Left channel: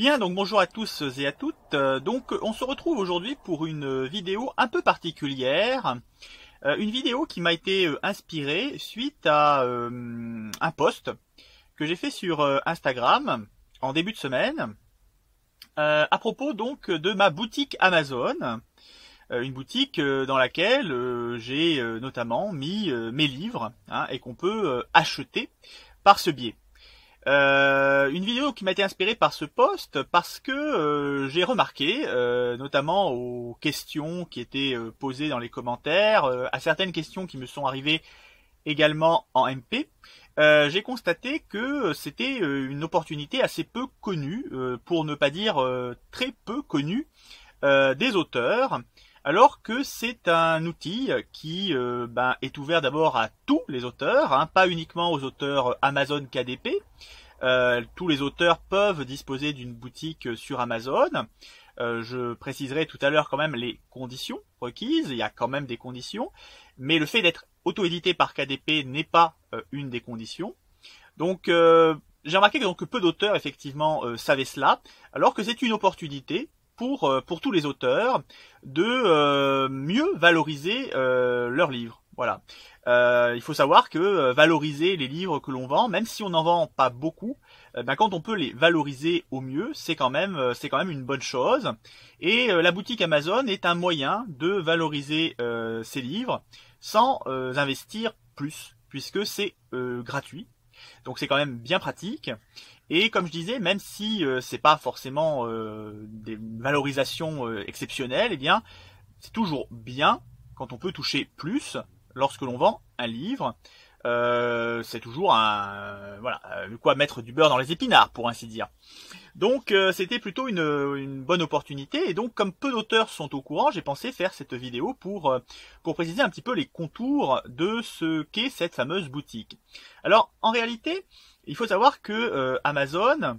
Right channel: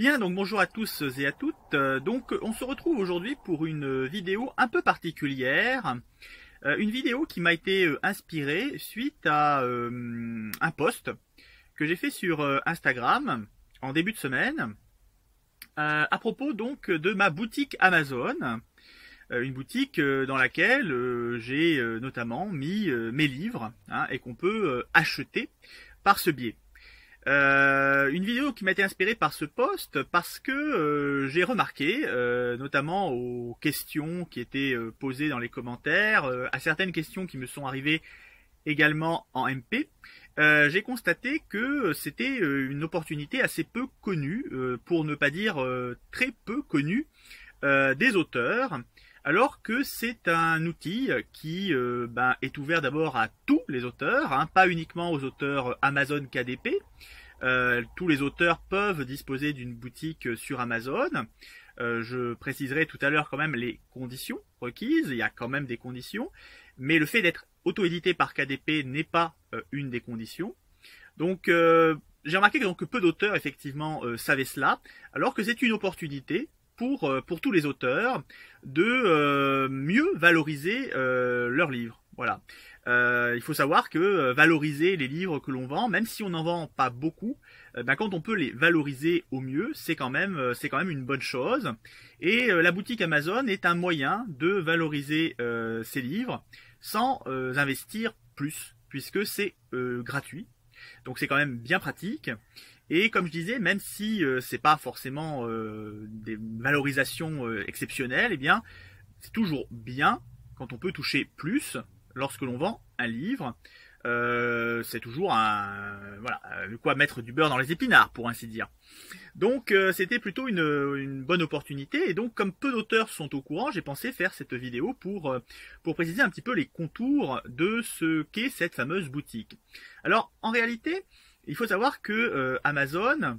Bien, donc bonjour à tous et à toutes. Donc on se retrouve aujourd'hui pour une vidéo un peu particulière. Une vidéo qui m'a été inspirée suite à un post que j'ai fait sur Instagram en début de semaine à propos donc de ma boutique Amazon. Une boutique dans laquelle j'ai notamment mis mes livres et qu'on peut acheter par ce biais. Une vidéo qui m'a été inspirée par ce post parce que j'ai remarqué, notamment aux questions qui étaient posées dans les commentaires, à certaines questions qui me sont arrivées également en MP, j'ai constaté que c'était une opportunité assez peu connue, pour ne pas dire très peu connue, des auteurs, alors que c'est un outil qui est ouvert d'abord à tous les auteurs, pas uniquement aux auteurs Amazon KDP. Tous les auteurs peuvent disposer d'une boutique sur Amazon. Je préciserai tout à l'heure quand même les conditions requises, il y a quand même des conditions, mais le fait d'être auto-édité par KDP n'est pas une des conditions. Donc j'ai remarqué que peu d'auteurs effectivement savaient cela, alors que c'est une opportunité pour tous les auteurs de mieux valoriser leurs livres. Voilà. Il faut savoir que valoriser les livres que l'on vend, même si on n'en vend pas beaucoup, quand on peut les valoriser au mieux, c'est quand même une bonne chose. Et la boutique Amazon est un moyen de valoriser ces livres sans investir plus, puisque c'est gratuit. Donc c'est quand même bien pratique. Et comme je disais, même si c'est pas forcément des valorisations exceptionnelles, eh bien c'est toujours bien quand on peut toucher plus lorsque l'on vend un livre. C'est toujours de quoi mettre du beurre dans les épinards, pour ainsi dire. Donc c'était plutôt une bonne opportunité, et donc comme peu d'auteurs sont au courant, j'ai pensé faire cette vidéo pour préciser un petit peu les contours de ce qu'est cette fameuse boutique. Alors en réalité, il faut savoir que Amazon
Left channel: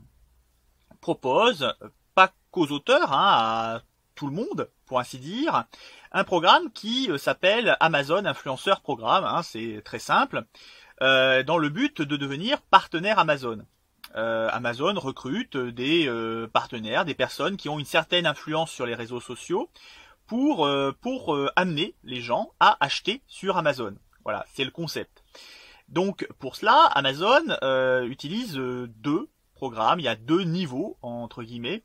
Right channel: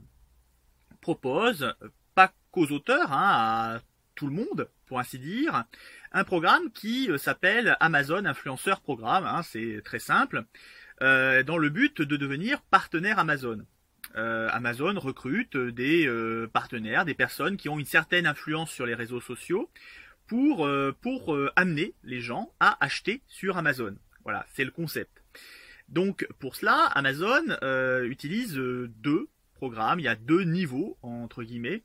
propose, pas qu'aux auteurs, à tout le monde, pour ainsi dire, un programme qui s'appelle Amazon Influenceur Programme, c'est très simple, dans le but de devenir partenaire Amazon. Amazon recrute des partenaires, des personnes qui ont une certaine influence sur les réseaux sociaux pour amener les gens à acheter sur Amazon. Voilà, c'est le concept. Donc pour cela, Amazon utilise deux programmes, il y a deux niveaux entre guillemets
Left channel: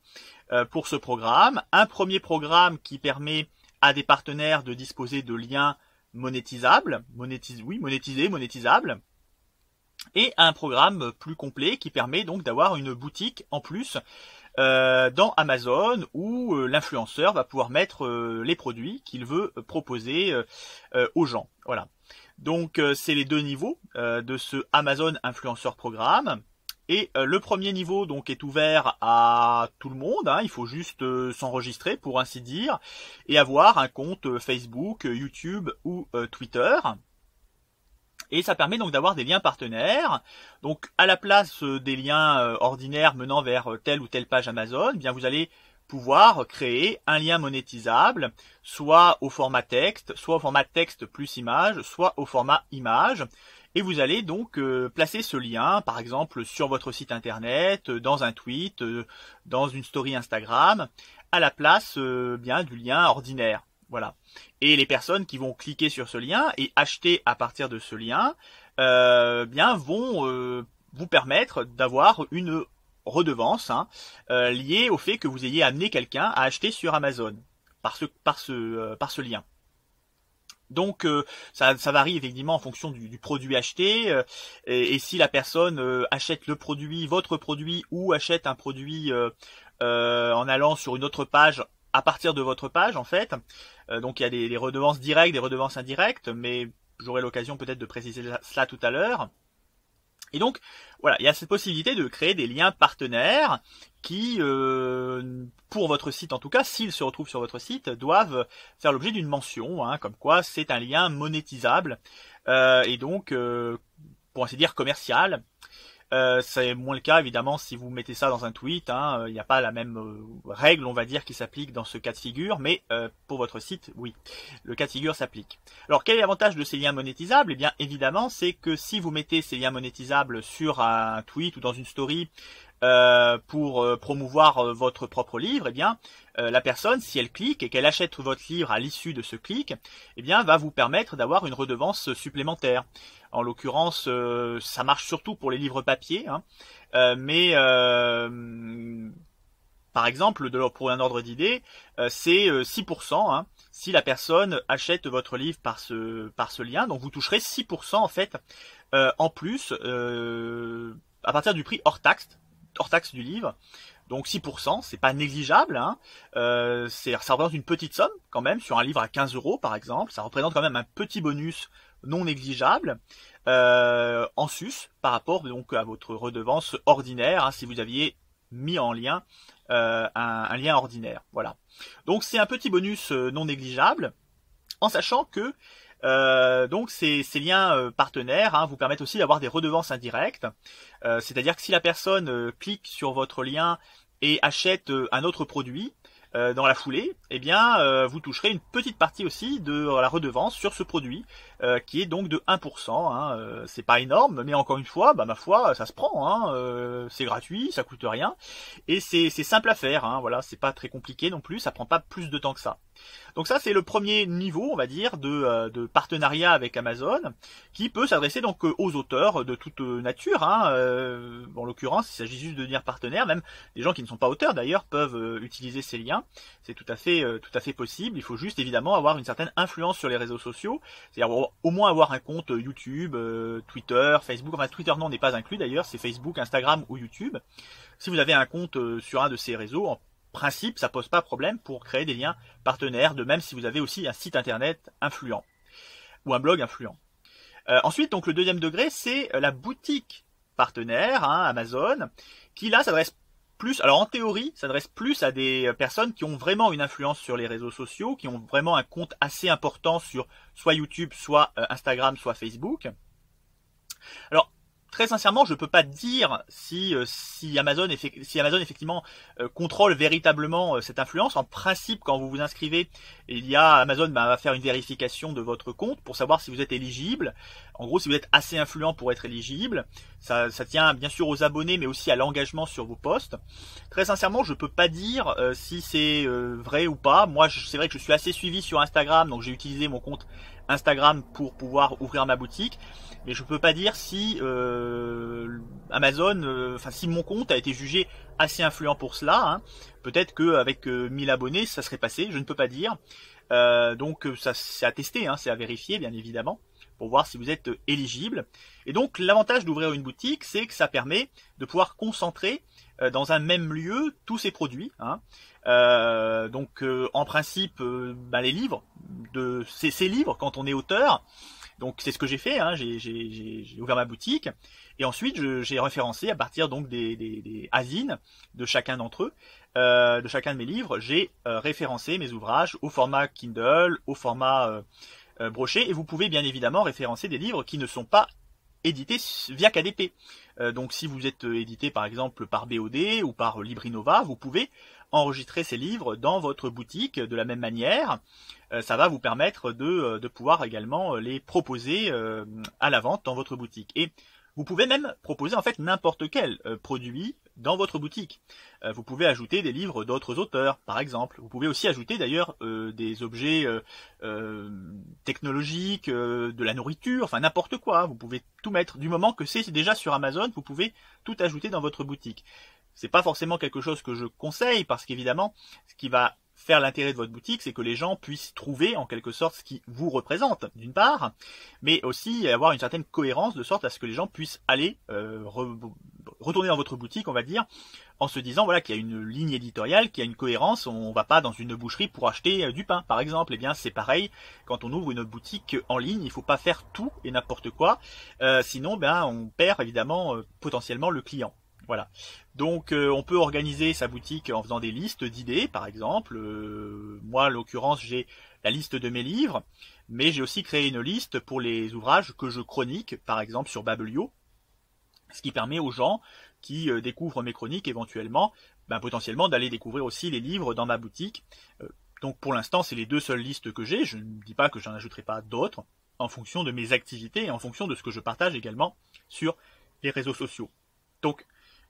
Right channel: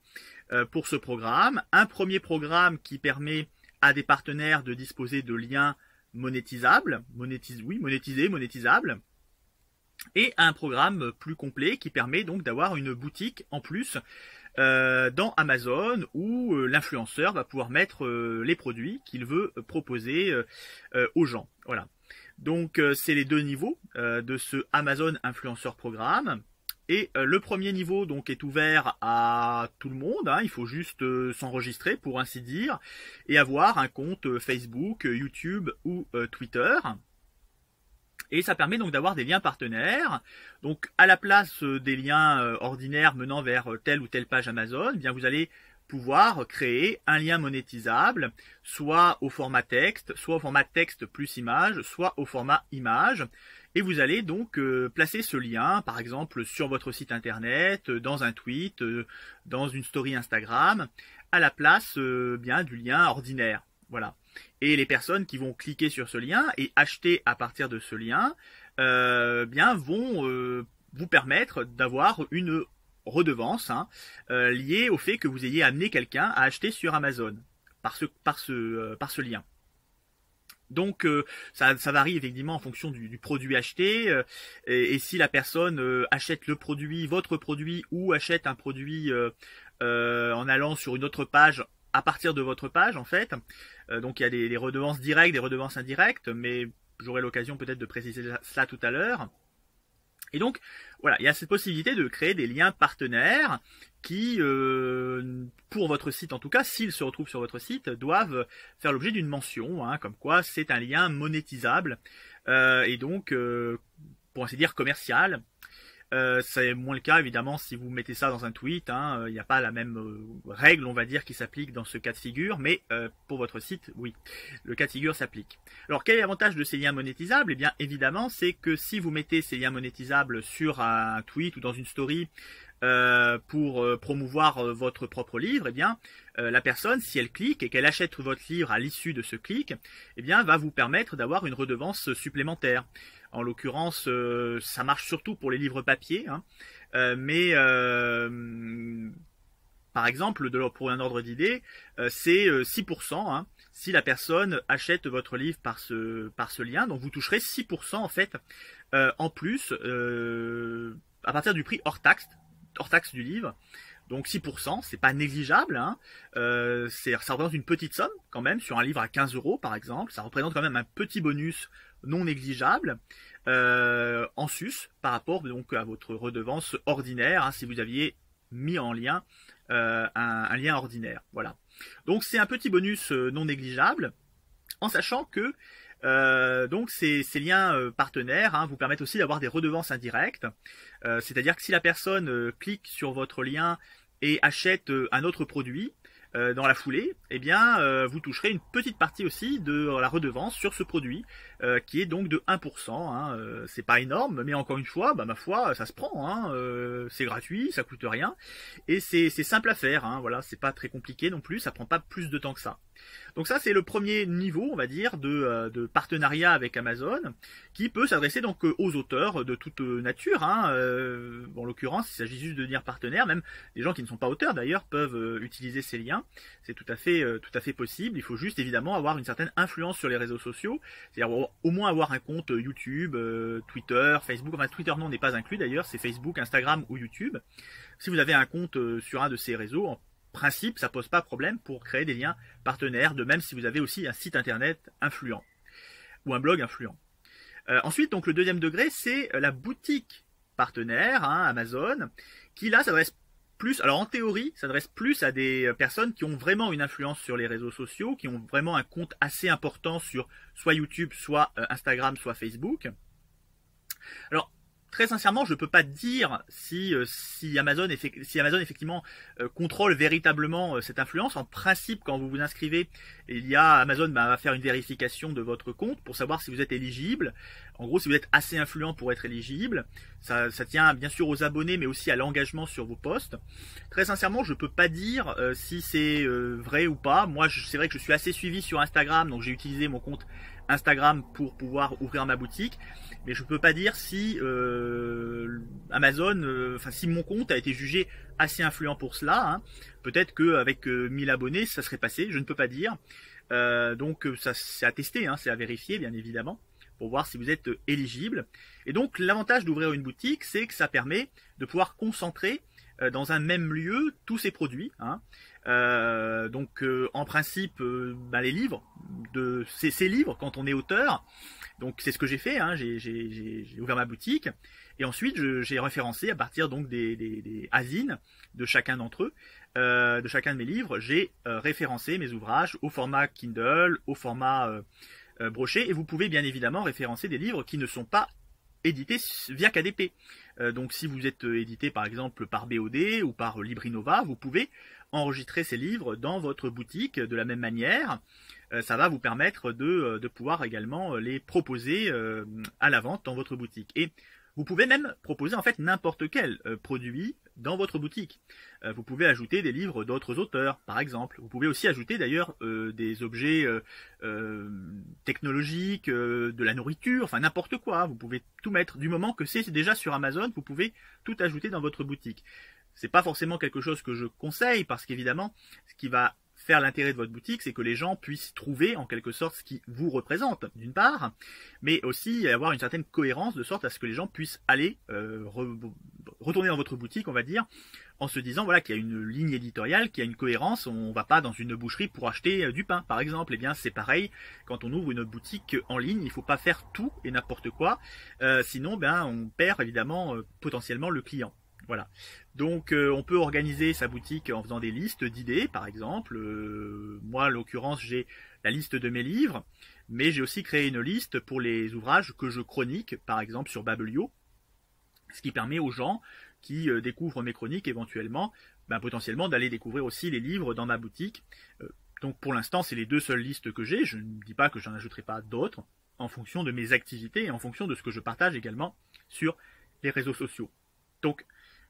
pour ce programme. Un premier programme qui permet à des partenaires de disposer de liens monétisables, monétisables, et un programme plus complet qui permet donc d'avoir une boutique en plus dans Amazon où l'influenceur va pouvoir mettre les produits qu'il veut proposer aux gens. Voilà. Donc c'est les deux niveaux de ce Amazon Influenceur Programme. Et le premier niveau donc est ouvert à tout le monde, il faut juste s'enregistrer pour ainsi dire, et avoir un compte Facebook, YouTube ou Twitter. Et ça permet donc d'avoir des liens partenaires. Donc à la place des liens ordinaires menant vers telle ou telle page Amazon, eh bien vous allez pouvoir créer un lien monétisable, soit au format texte, soit au format texte plus image, soit au format image. Et vous allez donc placer ce lien, par exemple, sur votre site internet, dans un tweet, dans une story Instagram, à la place du lien ordinaire. Voilà. Et les personnes qui vont cliquer sur ce lien et acheter à partir de ce lien, vont vous permettre d'avoir une redevance liée au fait que vous ayez amené quelqu'un à acheter sur Amazon par ce lien. Donc ça varie effectivement en fonction du produit acheté, et si la personne achète le produit, votre produit, ou achète un produit en allant sur une autre page à partir de votre page en fait. Donc il y a des redevances directes, des redevances indirectes, mais j'aurai l'occasion peut-être de préciser cela tout à l'heure. Et donc voilà, il y a cette possibilité de créer des liens partenaires qui, pour votre site en tout cas, s'ils se retrouvent sur votre site, doivent faire l'objet d'une mention, comme quoi c'est un lien monétisable, et donc, pour ainsi dire, commercial. C'est moins le cas évidemment si vous mettez ça dans un tweet, il n'y a pas la même règle on va dire qui s'applique dans ce cas de figure, mais pour votre site oui, le cas de figure s'applique. Alors quel est l'avantage de ces liens monétisables? Eh bien évidemment c'est que si vous mettez ces liens monétisables sur un tweet ou dans une story pour promouvoir votre propre livre, eh bien, la personne, si elle clique et qu'elle achète votre livre à l'issue de ce clic, eh bien, va vous permettre d'avoir une redevance supplémentaire. En l'occurrence, ça marche surtout pour les livres papier, hein, mais par exemple, pour un ordre d'idée, c'est 6%, hein, si la personne achète votre livre par ce lien. Donc vous toucherez 6% en fait en plus à partir du prix hors taxe du livre. Donc 6%, c'est pas négligeable, hein. Ça représente une petite somme quand même sur un livre à 15 € par exemple. Ça représente quand même un petit bonus non négligeable en sus par rapport donc à votre redevance ordinaire, hein, si vous aviez mis en lien un lien ordinaire. Voilà. Donc c'est un petit bonus non négligeable, en sachant que donc ces liens partenaires, hein, vous permettent aussi d'avoir des redevances indirectes. C'est-à-dire que si la personne clique sur votre lien et achète un autre produit dans la foulée, eh bien vous toucherez une petite partie aussi de la redevance sur ce produit, qui est donc de 1%. Hein. C'est pas énorme, mais encore une fois, bah, ma foi, ça se prend. Hein. C'est gratuit, ça coûte rien, et c'est simple à faire. Hein. Voilà, c'est pas très compliqué non plus, ça prend pas plus de temps que ça. Donc ça, c'est le premier niveau, on va dire, de partenariat avec Amazon, qui peut s'adresser donc aux auteurs de toute nature. Hein. En l'occurrence, il s'agit juste de devenir partenaire. Même les gens qui ne sont pas auteurs, d'ailleurs, peuvent utiliser ces liens. C'est tout à fait possible. Il faut juste, évidemment, avoir une certaine influence sur les réseaux sociaux. C'est-à-dire au moins avoir un compte YouTube, Twitter, Facebook. Enfin, Twitter, non, n'est pas inclus, d'ailleurs. C'est Facebook, Instagram ou YouTube. Si vous avez un compte sur un de ces réseaux, en principe, ça pose pas problème pour créer des liens partenaires, de même si vous avez aussi un site internet influent ou un blog influent. Ensuite, donc le deuxième degré, c'est la boutique partenaire, hein, Amazon, qui là s'adresse plus, alors en théorie, s'adresse plus à des personnes qui ont vraiment une influence sur les réseaux sociaux, qui ont vraiment un compte assez important sur soit YouTube, soit Instagram, soit Facebook. Alors, très sincèrement, je ne peux pas dire si Amazon effectivement contrôle véritablement cette influence. En principe, quand vous vous inscrivez, Amazon va faire une vérification de votre compte pour savoir si vous êtes éligible. En gros, si vous êtes assez influent pour être éligible. Ça tient bien sûr aux abonnés, mais aussi à l'engagement sur vos posts. Très sincèrement, je ne peux pas dire si c'est vrai ou pas. Moi, c'est vrai que je suis assez suivi sur Instagram, donc j'ai utilisé mon compte Instagram pour pouvoir ouvrir ma boutique. Mais je peux pas dire si Amazon, si mon compte a été jugé assez influent pour cela. Hein. Peut-être qu'avec 1000 abonnés, ça serait passé, je ne peux pas dire. Donc ça c'est à tester, hein, c'est à vérifier bien évidemment, pour voir si vous êtes éligible. Et donc l'avantage d'ouvrir une boutique, c'est que ça permet de pouvoir concentrer dans un même lieu tous ces produits. Hein. Donc en principe, les livres, ces livres, quand on est auteur, donc c'est ce que j'ai fait, hein, j'ai ouvert ma boutique et ensuite j'ai référencé à partir donc des ASIN de chacun d'entre eux, de chacun de mes livres, j'ai référencé mes ouvrages au format Kindle, au format broché, et vous pouvez bien évidemment référencer des livres qui ne sont pas édités via KDP. Donc si vous êtes édité par exemple par BOD ou par Librinova, vous pouvez enregistrer ces livres dans votre boutique de la même manière. Ça va vous permettre de pouvoir également les proposer à la vente dans votre boutique. Et vous pouvez même proposer en fait n'importe quel produit dans votre boutique. Vous pouvez ajouter des livres d'autres auteurs, par exemple. Vous pouvez aussi ajouter d'ailleurs des objets technologiques, de la nourriture, enfin n'importe quoi. Vous pouvez tout mettre. Du moment que c'est déjà sur Amazon, vous pouvez tout ajouter dans votre boutique. C'est pas forcément quelque chose que je conseille parce qu'évidemment, ce qui va faire l'intérêt de votre boutique, c'est que les gens puissent trouver en quelque sorte ce qui vous représente, d'une part, mais aussi avoir une certaine cohérence de sorte à ce que les gens puissent aller retourner dans votre boutique, on va dire, en se disant voilà qu'il y a une ligne éditoriale, qu'il y a une cohérence. On va pas dans une boucherie pour acheter du pain, par exemple. Eh bien, c'est pareil quand on ouvre une boutique en ligne. Il faut pas faire tout et n'importe quoi, sinon, on perd évidemment potentiellement le client. Voilà. Donc on peut organiser sa boutique en faisant des listes d'idées, par exemple. Moi, en l'occurrence, j'ai la liste de mes livres, mais j'ai aussi créé une liste pour les ouvrages que je chronique, par exemple sur Babelio, ce qui permet aux gens qui découvrent mes chroniques éventuellement, potentiellement d'aller découvrir aussi les livres dans ma boutique. Donc pour l'instant, c'est les deux seules listes que j'ai. Je ne dis pas que j'en ajouterai pas d'autres, en fonction de mes activités et en fonction de ce que je partage également sur les réseaux sociaux. Donc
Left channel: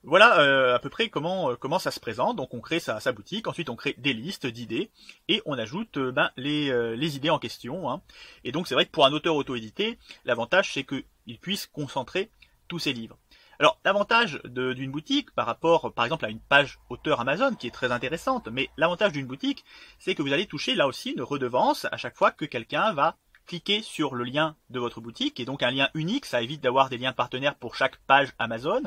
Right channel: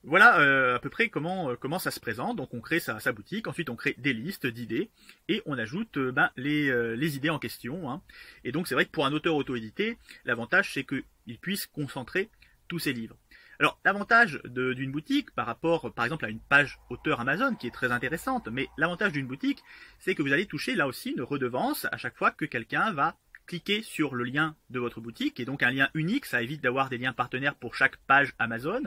Voilà à peu près comment ça se présente. Donc on crée sa boutique, ensuite on crée des listes d'idées et on ajoute les idées en question, hein. Et donc c'est vrai que pour un auteur auto-édité, l'avantage c'est qu'il puisse concentrer tous ses livres. Alors l'avantage d'une boutique par rapport par exemple à une page auteur Amazon qui est très intéressante, mais l'avantage d'une boutique c'est que vous allez toucher là aussi une redevance à chaque fois que quelqu'un va cliquer sur le lien de votre boutique, et donc un lien unique, ça évite d'avoir des liens partenaires pour chaque page Amazon.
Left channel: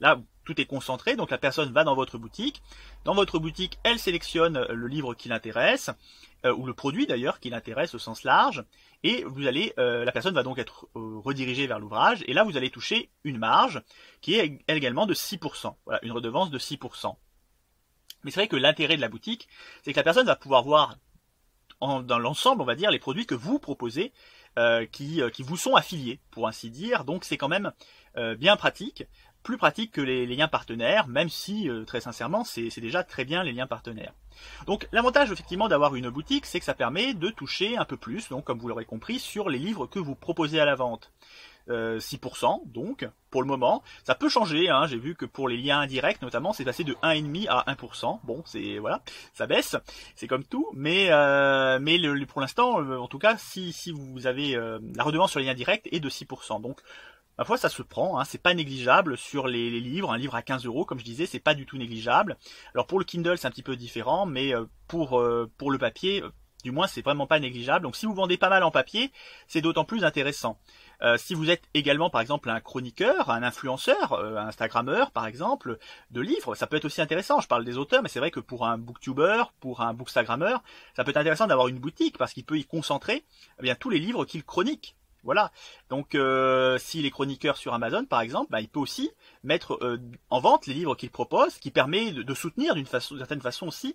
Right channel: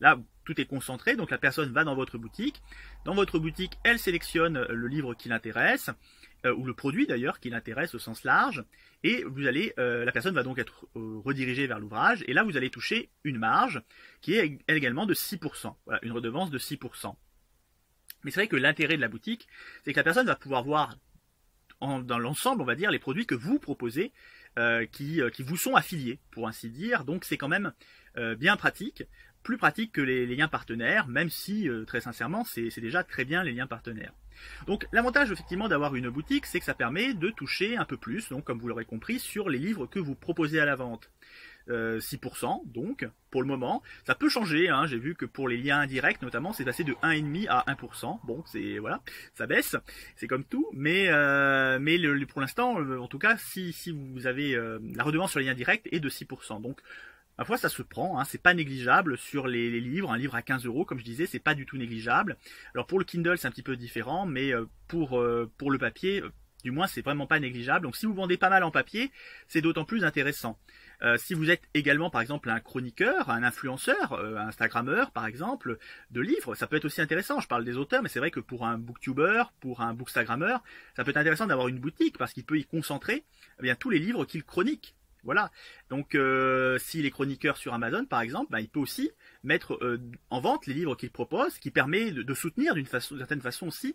Là, tout est concentré, donc la personne va dans votre boutique. Dans votre boutique, elle sélectionne le livre qui l'intéresse, ou le produit d'ailleurs qui l'intéresse au sens large, et la personne va donc être redirigée vers l'ouvrage, et là vous allez toucher une marge qui est également de 6%, voilà, une redevance de 6%. Mais c'est vrai que l'intérêt de la boutique, c'est que la personne va pouvoir voir dans l'ensemble, on va dire, les produits que vous proposez qui vous sont affiliés, pour ainsi dire. Donc c'est quand même bien pratique, plus pratique que les liens partenaires, même si, très sincèrement, c'est déjà très bien les liens partenaires. Donc l'avantage effectivement d'avoir une boutique, c'est que ça permet de toucher un peu plus, donc comme vous l'aurez compris, sur les livres que vous proposez à la vente. 6%, donc pour le moment, ça peut changer, hein. J'ai vu que pour les liens indirects notamment, c'est passé de 1,5 à 1%. Bon, c'est voilà, ça baisse, c'est comme tout, mais pour l'instant, en tout cas, si vous avez la redevance sur les liens directs est de 6%. Donc ma foi, ça se prend, hein, c'est pas négligeable sur les livres. Un livre à 15 €, comme je disais, c'est pas du tout négligeable. Alors pour le Kindle, c'est un petit peu différent, mais pour le papier, du moins, c'est vraiment pas négligeable. Donc si vous vendez pas mal en papier, c'est d'autant plus intéressant. Si vous êtes également par exemple un chroniqueur, un influenceur, un Instagrammeur par exemple, de livres, ça peut être aussi intéressant. Je parle des auteurs, mais c'est vrai que pour un booktuber, pour un bookstagrammeur, ça peut être intéressant d'avoir une boutique parce qu'il peut y concentrer bien tous les livres qu'il chronique. Voilà. Donc s'il est chroniqueur sur Amazon par exemple, il peut aussi mettre en vente les livres qu'il propose, ce qui permet de soutenir d'une certaine façon aussi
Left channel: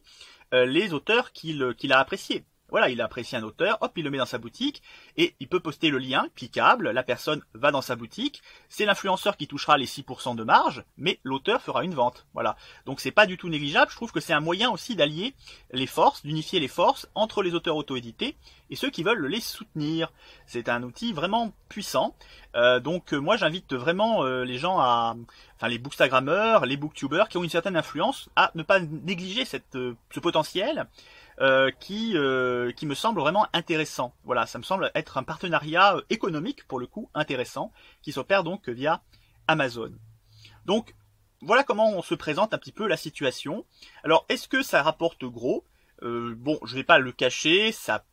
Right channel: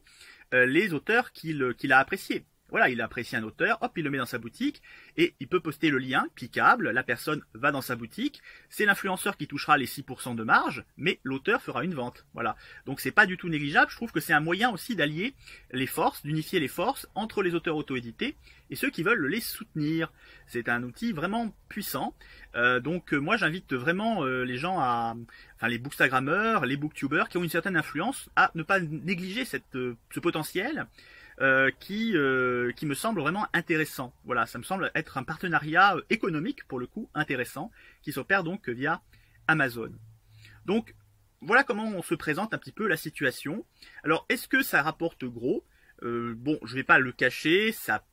les auteurs qu'il a appréciés. Voilà, il a apprécié un auteur, hop, il le met dans sa boutique et il peut poster le lien cliquable, la personne va dans sa boutique, c'est l'influenceur qui touchera les 6% de marge, mais l'auteur fera une vente. Voilà, donc c'est pas du tout négligeable, je trouve que c'est un moyen aussi d'allier les forces, d'unifier les forces entre les auteurs auto-édités et ceux qui veulent les soutenir. C'est un outil vraiment puissant, donc moi j'invite vraiment les gens les bookstagrammeurs, les booktubers qui ont une certaine influence à ne pas négliger ce potentiel. Qui me semble vraiment intéressant. Voilà, ça me semble être un partenariat économique pour le coup intéressant qui s'opère donc via Amazon. Donc voilà comment on se présente un petit peu la situation. Alors est-ce que ça rapporte gros? Bon, je vais pas le cacher, ça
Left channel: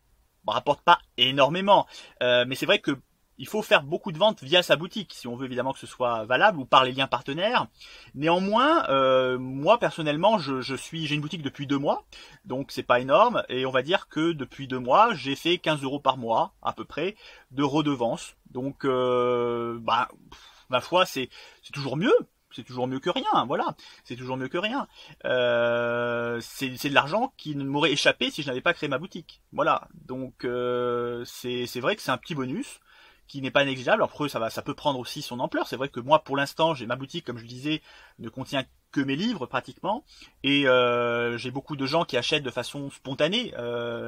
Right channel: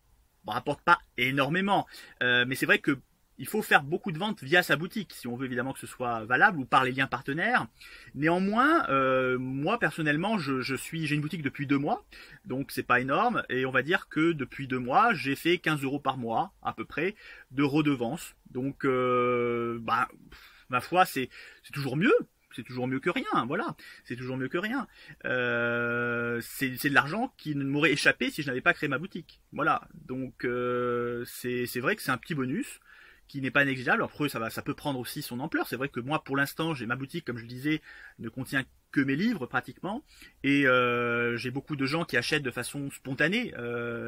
rapporte pas énormément, mais c'est vrai que il faut faire beaucoup de ventes via sa boutique si on veut évidemment que ce soit valable ou par les liens partenaires. Néanmoins, moi personnellement, j'ai une boutique depuis 2 mois, donc c'est pas énorme et on va dire que depuis 2 mois, j'ai fait 15 € par mois à peu près de redevance. Donc, ma foi, c'est toujours mieux. C'est toujours mieux que rien, voilà. C'est toujours mieux que rien. C'est de l'argent qui ne m'aurait échappé si je n'avais pas créé ma boutique. Voilà. Donc c'est vrai que c'est un petit bonus qui n'est pas négligeable. Après, ça peut prendre aussi son ampleur. C'est vrai que moi, pour l'instant, ma boutique, comme je disais, ne contient que mes livres pratiquement, et j'ai beaucoup de gens qui achètent de façon spontanée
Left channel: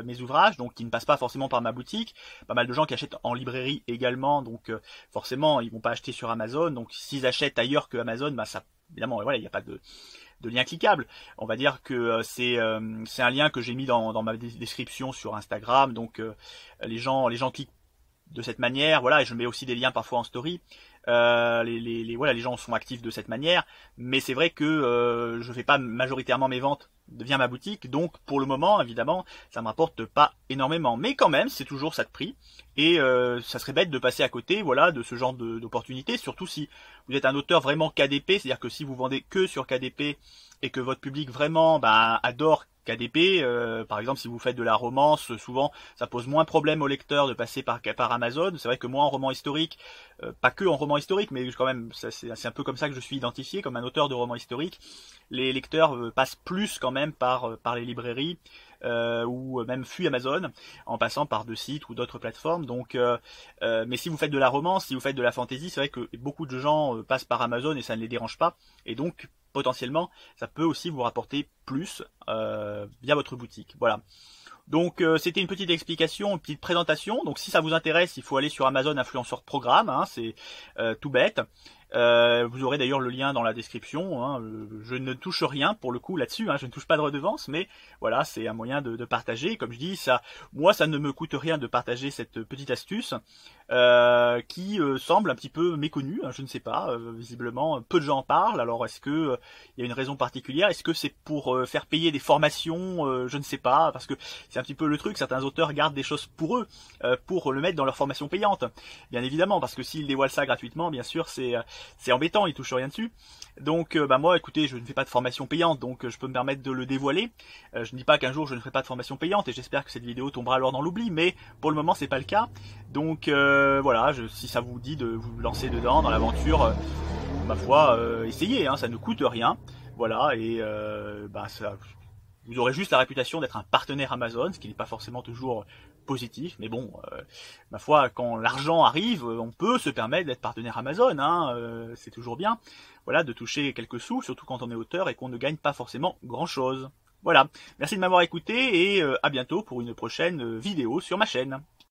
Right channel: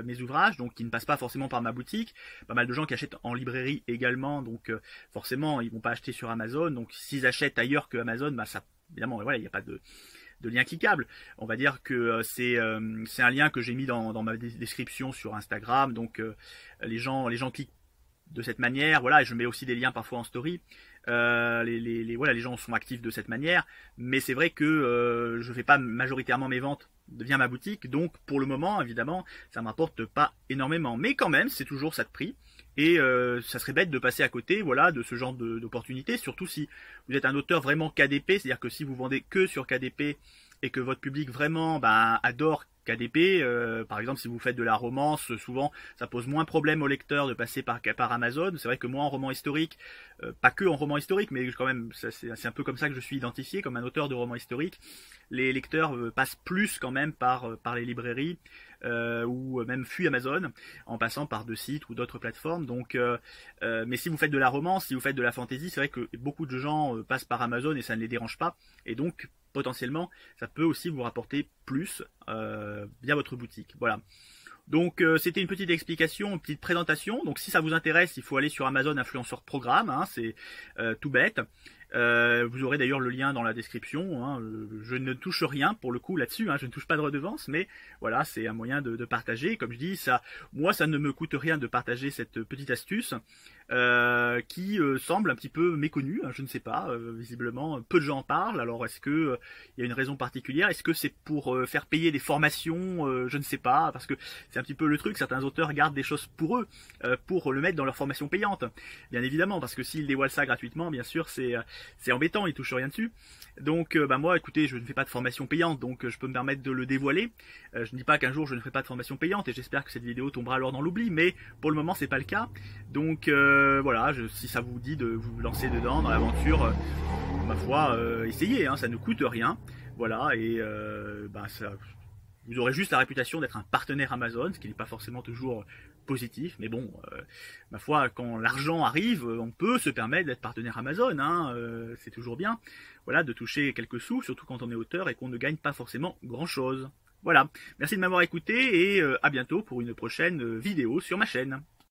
mes ouvrages, donc qui ne passent pas forcément par ma boutique. Pas mal de gens qui achètent en librairie également, donc forcément, ils vont pas acheter sur Amazon. Donc, s'ils achètent ailleurs que Amazon, ça, évidemment, voilà, il n'y a pas de lien cliquable. On va dire que c'est un lien que j'ai mis dans ma description sur Instagram. Donc, les gens cliquent de cette manière, voilà, et je mets aussi des liens parfois en story. Les gens sont actifs de cette manière, mais c'est vrai que je fais pas majoritairement mes ventes via ma boutique, donc pour le moment, évidemment, ça me rapporte pas énormément, mais quand même, c'est toujours ça de prix, et ça serait bête de passer à côté, voilà, de ce genre d'opportunité, surtout si vous êtes un auteur vraiment KDP, c'est-à-dire que si vous vendez que sur KDP et que votre public vraiment adore KDP, par exemple si vous faites de la romance, souvent ça pose moins de problème aux lecteurs de passer par Amazon. C'est vrai que moi en roman historique, pas que en roman historique, mais quand même c'est un peu comme ça que je suis identifié, comme un auteur de roman historique. Les lecteurs passent plus quand même par les librairies ou même fuient Amazon en passant par deux sites ou d'autres plateformes. Donc, mais si vous faites de la romance, si vous faites de la fantasy, c'est vrai que beaucoup de gens passent par Amazon et ça ne les dérange pas. Et donc potentiellement, ça peut aussi vous rapporter plus via votre boutique. Voilà. Donc c'était une petite explication, une petite présentation. Donc si ça vous intéresse, il faut aller sur Amazon Influenceur Programme, hein, c'est tout bête. Vous aurez d'ailleurs le lien dans la description, hein. Je ne touche rien pour le coup là-dessus, hein. Je ne touche pas de redevance, mais voilà, c'est un moyen de partager. Comme je dis, moi ça ne me coûte rien de partager cette petite astuce qui semble un petit peu méconnue, hein. Je ne sais pas, visiblement peu de gens en parlent. Alors est-ce que il y a une raison particulière? Est-ce que c'est pour faire payer des formations? Je ne sais pas, parce que c'est un petit peu le truc, certains auteurs gardent des choses pour eux, pour le mettre dans leur formation payante, bien évidemment, parce que s'ils dévoilent ça gratuitement, bien sûr c'est embêtant, ils touchent rien dessus. Donc moi écoutez, je ne fais pas de formation payante, donc je peux me permettre de le dévoiler. Je ne dis pas qu'un jour je ne ferai pas de formation payante, et j'espère que cette vidéo tombera alors dans l'oubli, mais pour le moment c'est pas le cas. Donc voilà, si ça vous dit de vous lancer dedans dans l'aventure, ma foi, essayez, hein, ça ne coûte rien. Voilà, et vous aurez juste la réputation d'être un partenaire Amazon, ce qui n'est pas forcément toujours positif, mais bon, ma foi, quand l'argent arrive, on peut se permettre d'être partenaire Amazon, hein, c'est toujours bien, voilà, de toucher quelques sous, surtout quand on est auteur et qu'on ne gagne pas forcément grand chose. Voilà, merci de m'avoir écouté et à bientôt pour une prochaine vidéo sur ma chaîne.